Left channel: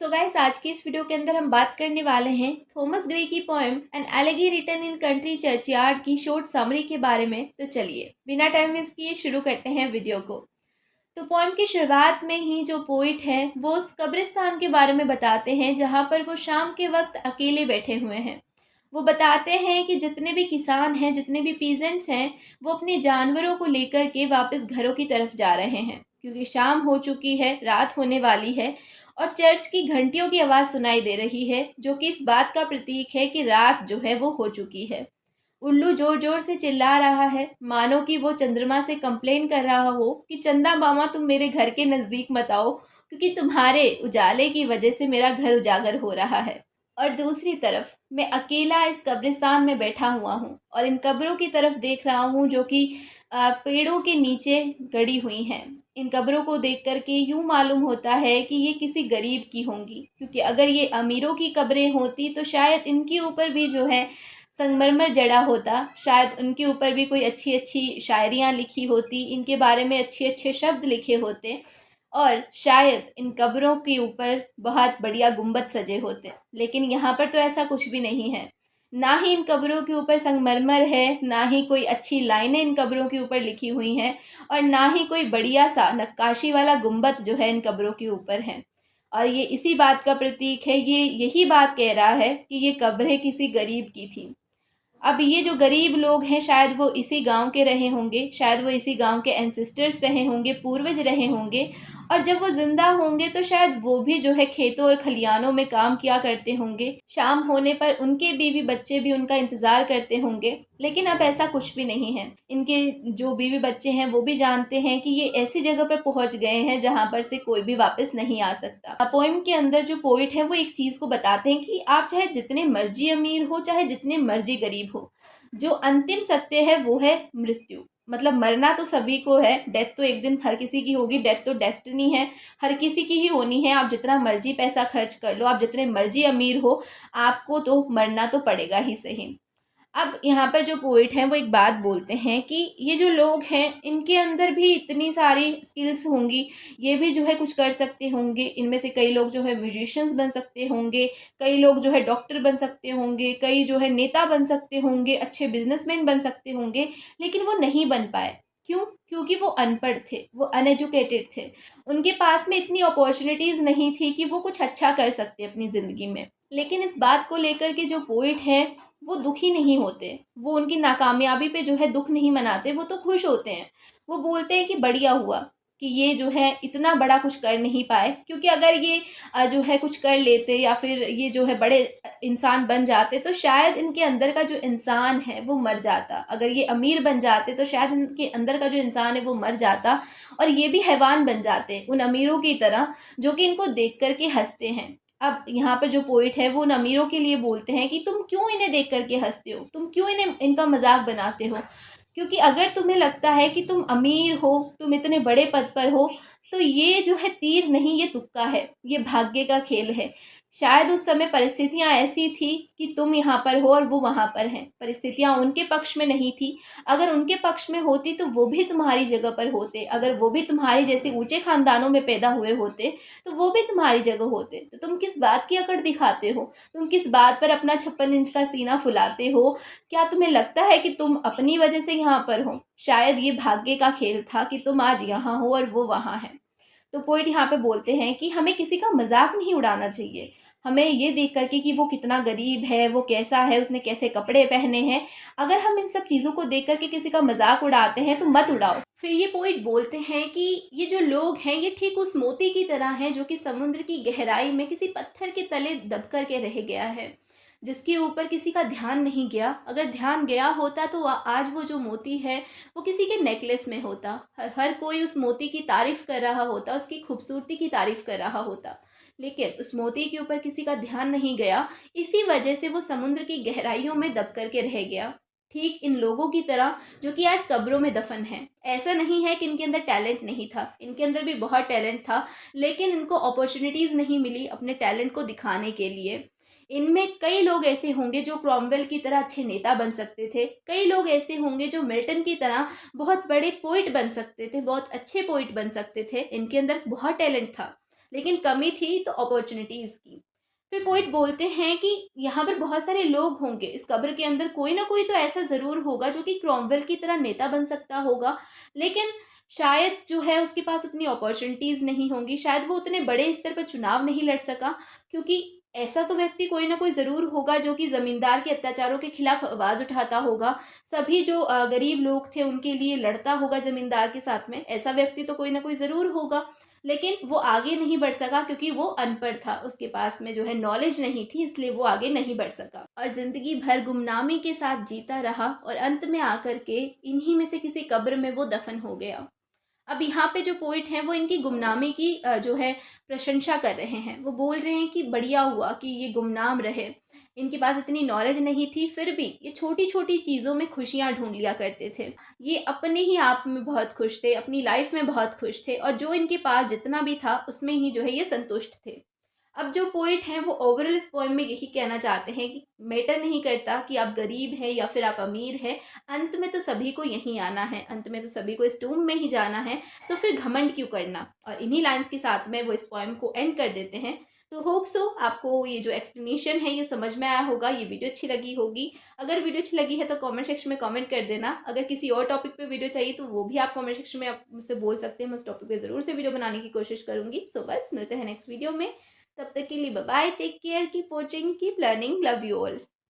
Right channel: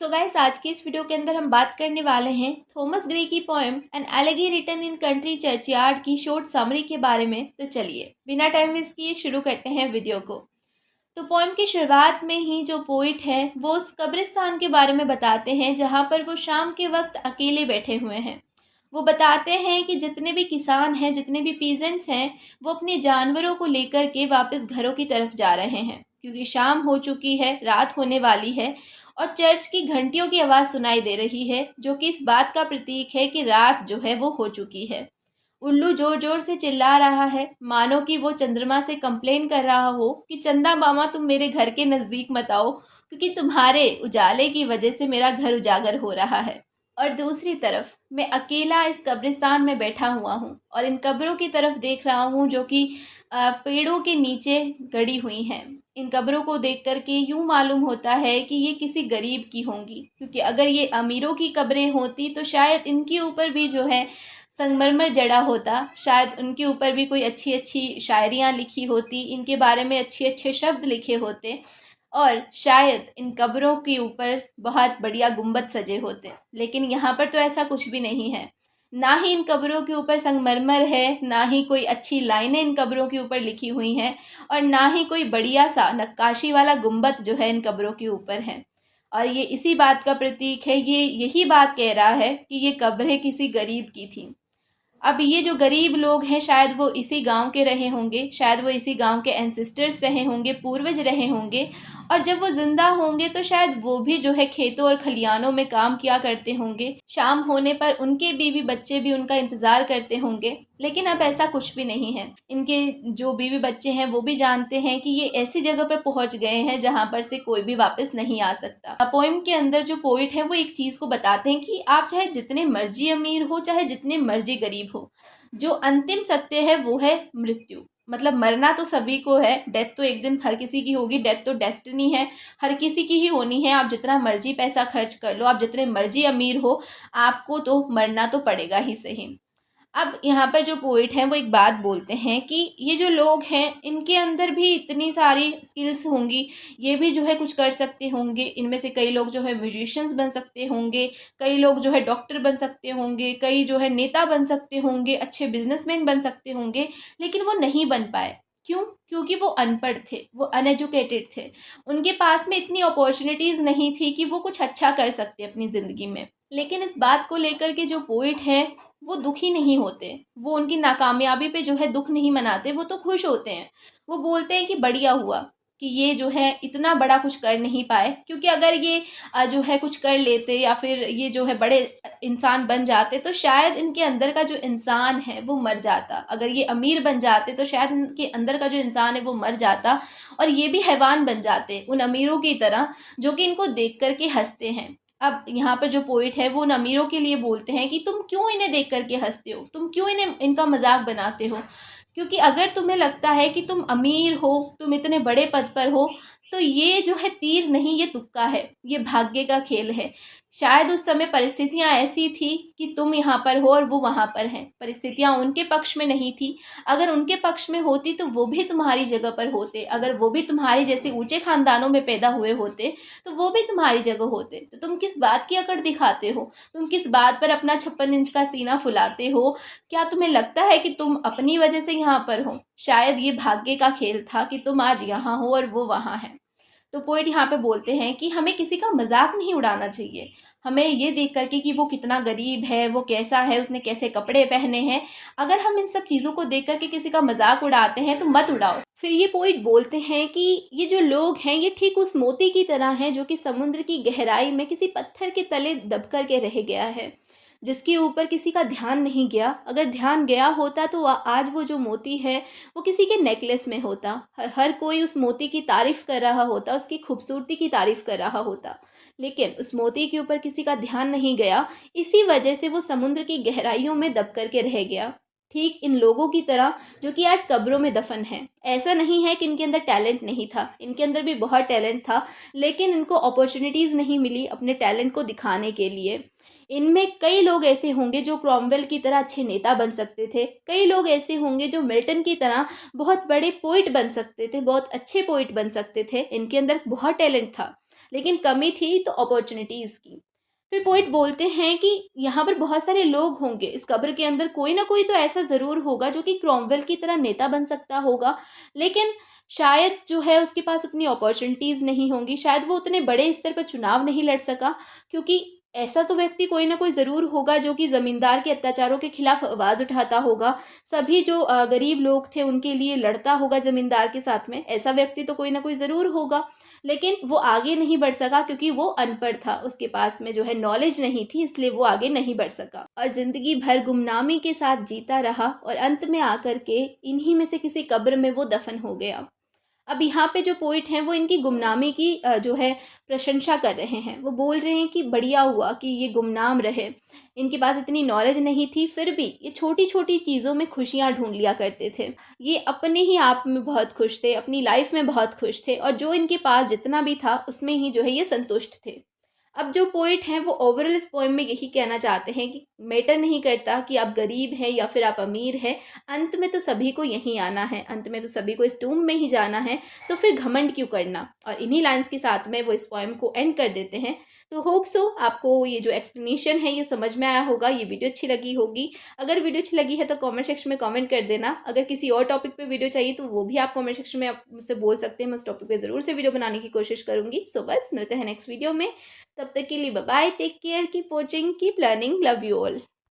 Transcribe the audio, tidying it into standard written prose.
So guys, आज की इस वीडियो के अंदर हम बात करने वाले हैं थॉमस ग्रे की poem an elegy written in country churchyard की शॉर्ट समरी के बारे में। तो चलिए बिना टाइम वेस्ट किए शुरू करते हैं वीडियो को। तो पोएम की शुरुआत में ही जो पोइट है वो उस कब्रिस्तान के बारे में बताते हैं जहाँ पर वो शाम के वक्त अकेले बैठे हुए हैं। वो बताते हैं कि जितने भी किसान हैं, जितने भी पीजेंट्स हैं, वो अपने जानवरों को लेकर के वापस घरों की तरफ जा रहे हैं क्योंकि शाम हो चुकी है, रात होने वाली है और चर्च की घंटियों की आवाज़ सुनाई दे रही है जो कि इस बात का प्रतीक है कि रात जो है वो हो चुकी है। उल्लू जोर जोर से चिल्ला रहा है, मानो कि वो चंद्रमा से कंप्लेन कर रहा हो कि चंदा मामा तुम मेरे घर के नज़दीक मत आओ क्योंकि तुम्हारे उजाले की वजह से मेरा घर उजागर हो रहा है। और दूसरी तरफ मैं अकेला इस कब्रिस्तान में बैठा हुआ हूँ और इन कब्रों की तरफ देख रहा हूँ जो कि पेड़ों के नीचे गड़ी हुई हैं। इन कब्रों को देख कर के यूँ मालूम होता है कि ये किसी गरीब की होंगी, क्योंकि अगर ये अमीरों की कब्रें होती तो शायद इनके ऊपर भी जो है संगमरमर जड़ा होता, शायद उनके ऊपर भी कोई अच्छी अच्छी शायरियाँ लिखी होती, इनके बारे में अच्छे अच्छे शब्द लिखे होते और शायद इन कब्रों के ऊपर बहुत बढ़िया गुंबद सजे होते। लेकिन यहाँ पर तो ऐसा कुछ भी नहीं है। ना ही इन कब्रों के ऊपर संगमरमर है, ना ही कोई अच्छी लाइनें इन कब्रों के ऊपर लिखी हुई हैं और ना ही कोई बढ़िया सा नक्काशी वाला गुंबद जो है इन कब्रों के ऊपर है। और ये इसी बात का प्रतीक है, ये यही बात कह रहा है कि ये कब्रें किसी गरीब की थी। अब ये जो गरीब लोग हैं शायद वो इसी गांव के रहे होंगे, शायद वो इसी गांव के एंसेस्टर्स रहे होंगे, पूर्वज रहे होंगे और जब वो ज़िंदा होंगे तो शायद वो भी जो है खेतों और खलियानों में काम किया करते होंगे। शाम होने पर उनके बीवी बच्चे भी उनका इंतज़ार करते होंगे। लेकिन अब ऐसा कुछ भी नहीं है। इनके जो बीवी बच्चे हैं वो भी जानते हैं कि ये ऐसी जगह पर पहुंच गए हैं जहां पर से कोई भी वापस नहीं आ सकता। पोइम के अंदर जो पोइट है वो एक चीज़ को बताते हैं कि आप चाहे जितने मर्जी अमीर हो, चाहे जितने मर्जी गरीब हो, जो अंतिम सत्य है वो है मृत्यु। मतलब मरना तो सभी को है, डेथ तो एक दिन हर किसी की होगी, डेथ तो डेस्टिनी है, हर किसी की ही होनी है। आप जितना मर्जी पैसा खर्च कर लो, आप जितने मर्जी अमीर हो, आपको तो मरना तो पड़ेगा ही सही। अब यहाँ पर जो पोइट हैं वो एक बात बोलते हैं कि ये जो लोग हैं इनके अंदर भी इतनी सारी स्किल्स होंगी, ये भी जो है कुछ कर सकते होंगे। इनमें से कई लोग जो है म्यूजिशियंस बन सकते होंगे, कई लोग जो है डॉक्टर बन सकते होंगे, कई जो है नेता बन सकते होंगे, अच्छे बिजनेसमैन बन सकते होंगे, लेकिन वो नहीं बन पाए। क्यों? क्योंकि वो अनपढ़ थे, वो अनएजुकेटेड थे। उनके पास में इतनी अपॉर्चुनिटीज़ नहीं थी कि वो कुछ अच्छा कर सकते अपनी ज़िंदगी में। लेकिन इस बात को लेकर के जो पोइट हैं वो दुखी नहीं होते, वो उनकी नाकामयाबी पे जो है दुःख नहीं मनाते, वो तो खुश होते हैं। वो बोलते हैं कि बढ़िया हुआ कि ये जो है इतना बड़ा कुछ कर नहीं पाए, क्योंकि अगर ये जो है कुछ कर लेते या फिर ये जो है बड़े इंसान बन जाते तो शायद इनके अंदर का जो इंसान है वो मर जाता। अगर ये अमीर बन जाते तो शायद इनके अंदर का जो इंसान है वो मर जाता और ये भी हैवान बन जाते उन अमीरों की तरह जो कि इनको देख कर के हँसते हैं। अब यहाँ पर जो पोइट है वो उन अमीरों के लिए बोलते हैं कि तुम क्यों इन्हें देख कर के हँसते हो? तुम क्यों इन्हें इनका मज़ाक बनाते हो? क्योंकि अगर तुम्हें लगता है कि तुम अमीर हो, तुम इतने बड़े पद पर हो, तो ये जो है तीर नहीं, ये तुक्का है, ये भाग्य का खेल है। शायद उस समय परिस्थितियाँ ऐसी थी कि तुम यहाँ पर हो और वो वहाँ पर हैं। परिस्थितियाँ उनके पक्ष में नहीं थी। अगर उनके पक्ष में होती तो वो भी तुम्हारी जगह पर होते। अगर वो भी तुम्हारी जैसे ऊँचे ख़ानदानों में पैदा हुए होते तो वो भी तुम्हारी जगह होते। तो तुम किस बात की अकड़ दिखाते हो? तुम किस बात पर अपना 56 इंच का सीना फुलाते हो? क्या तुम्हें लगता है कि तुम अपनी वजह से यहाँ पर हो? शायद ये भाग्य का खेल था कि तुम आज यहाँ हो और वो वहाँ है। तो पोएट यहाँ पे बोलते हैं कि हमें किसी का मज़ाक नहीं उड़ाना चाहिए। हमें ये देख कर के कि वो कितना गरीब है, वो कैसा है, उसने कैसे कपड़े पहने हैं, अगर हम इन सब चीज़ों को देख कर के किसी का मज़ाक उड़ाते हैं तो मत उड़ाओ। फिर ये पोएट बोलते हैं कि ये जो लोग हैं ये ठीक उस मोती की तरह हैं जो कि समुद्र की गहराई में किसी पत्थर के तले दब कर के रह गया है, जिसके ऊपर किसी का ध्यान नहीं गया। अगर ध्यान गया होता तो आज वो जो मोती है वो किसी के नेकलेस में होता। हर कोई उस मोती की तारीफ़ कर रहा होता, उसकी खूबसूरती की तारीफ़ कर रहा होता। लेकिन उस मोती के ऊपर किसी का ध्यान नहीं गया, इसी वजह से वो समुद्र की गहराइयों में दब कर के रह गया। ठीक इन लोगों की तरह जो कि आज कब्रों में दफन हैं। ऐसा नहीं है कि इनके अंदर टैलेंट नहीं था, इनके अंदर भी बहुत टैलेंट था, लेकिन इनको अपॉर्च्युनिटीज़ नहीं मिली अपने टैलेंट को दिखाने के लिए। इनमें कई लोग ऐसे होंगे जो क्रॉमवेल की तरह अच्छे नेता बन सकते थे, कई लोग ऐसे होंगे जो मिल्टन की तरह बहुत बड़े पोइट बन सकते थे, बहुत अच्छे पोइट बन सकते थे, इनके अंदर बहुत टैलेंट था। लेकिन कमी थी तो अपॉर्चुनिटीज़ की। फिर पोएट बोलते हैं कि यहाँ पर बहुत सारे लोग होंगे, इस कब्र के अंदर कोई ना कोई तो ऐसा ज़रूर होगा जो कि क्रॉमवेल की तरह नेता बन सकता होगा, लेकिन शायद जो है उसके पास उतनी अपॉर्चुनिटीज़ नहीं होंगी, शायद वो उतने बड़े स्तर पर चुनाव नहीं लड़ सका, क्योंकि ऐसा तो व्यक्ति कोई ना कोई ज़रूर होगा जो कि ज़मींदार के अत्याचारों के खिलाफ आवाज़ उठाता होगा। सभी जो गरीब लोग थे उनके लिए लड़ता होगा ज़मींदार के साथ में, ऐसा व्यक्ति तो कोई ना कोई ज़रूर होगा। लेकिन वो आगे नहीं बढ़ सका क्योंकि वो अनपढ़ था, उसके पास में जो है नॉलेज नहीं थी, इसलिए वो आगे नहीं बढ़ सका और ज़िंदगी भर गुमनामी के साथ जीता रहा और अंत में आकर के इन्हीं में से किसी कब्र में वो दफ़न हो गया। अब यहाँ पे जो पोएट हैं वो इनकी गुमनामी की जो है प्रशंसा कर रहे हैं। वो बोल रहे हैं कि बढ़िया हुआ कि ये गुमनाम रहे। इनके पास इतनी नॉलेज नहीं थी, फिर भी ये छोटी-छोटी चीज़ों में खुशियाँ ढूँढ लिया करते थे। ये अपने ही आप में बहुत खुश थे, अपनी लाइफ़ में बहुत खुश थे और जो इनके पास जितना भी था उसमें ही जो है ये संतुष्ट थे। अब जो पोएट हैं वो ओवरऑल इस पोएम में यही कहना चाहते हैं कि मैटर नहीं करता कि आप गरीब हैं या फिर आप अमीर हैं, अंत में तो सभी को यहीं आना है, अंत में तो सभी को इस टूम में ही जाना है, तो फिर घमंड क्यों करना? और इन्हीं लाइन्स के साथ में वो इस पोएम को एंड कर देते हैं। तो होप सो आपको ये जो एक्सप्लेनेशन है ये समझ में आया होगा, ये वीडियो अच्छी लगी होगी। अगर वीडियो अच्छी लगी है तो कमेंट सेक्शन में कमेंट कर देना। अगर किसी और टॉपिक पे वीडियो चाहिए तो वो भी आप कमेंट सेक्शन में आप मुझसे बोल सकते हैं, मैं उस टॉपिक पे ज़रूर से वीडियो बनाने की कोशिश करूँगी। सो बस मिलते हैं नेक्स्ट वीडियो में। तब तक के लिए bye bye, take care, keep watching, keep learning, love you all.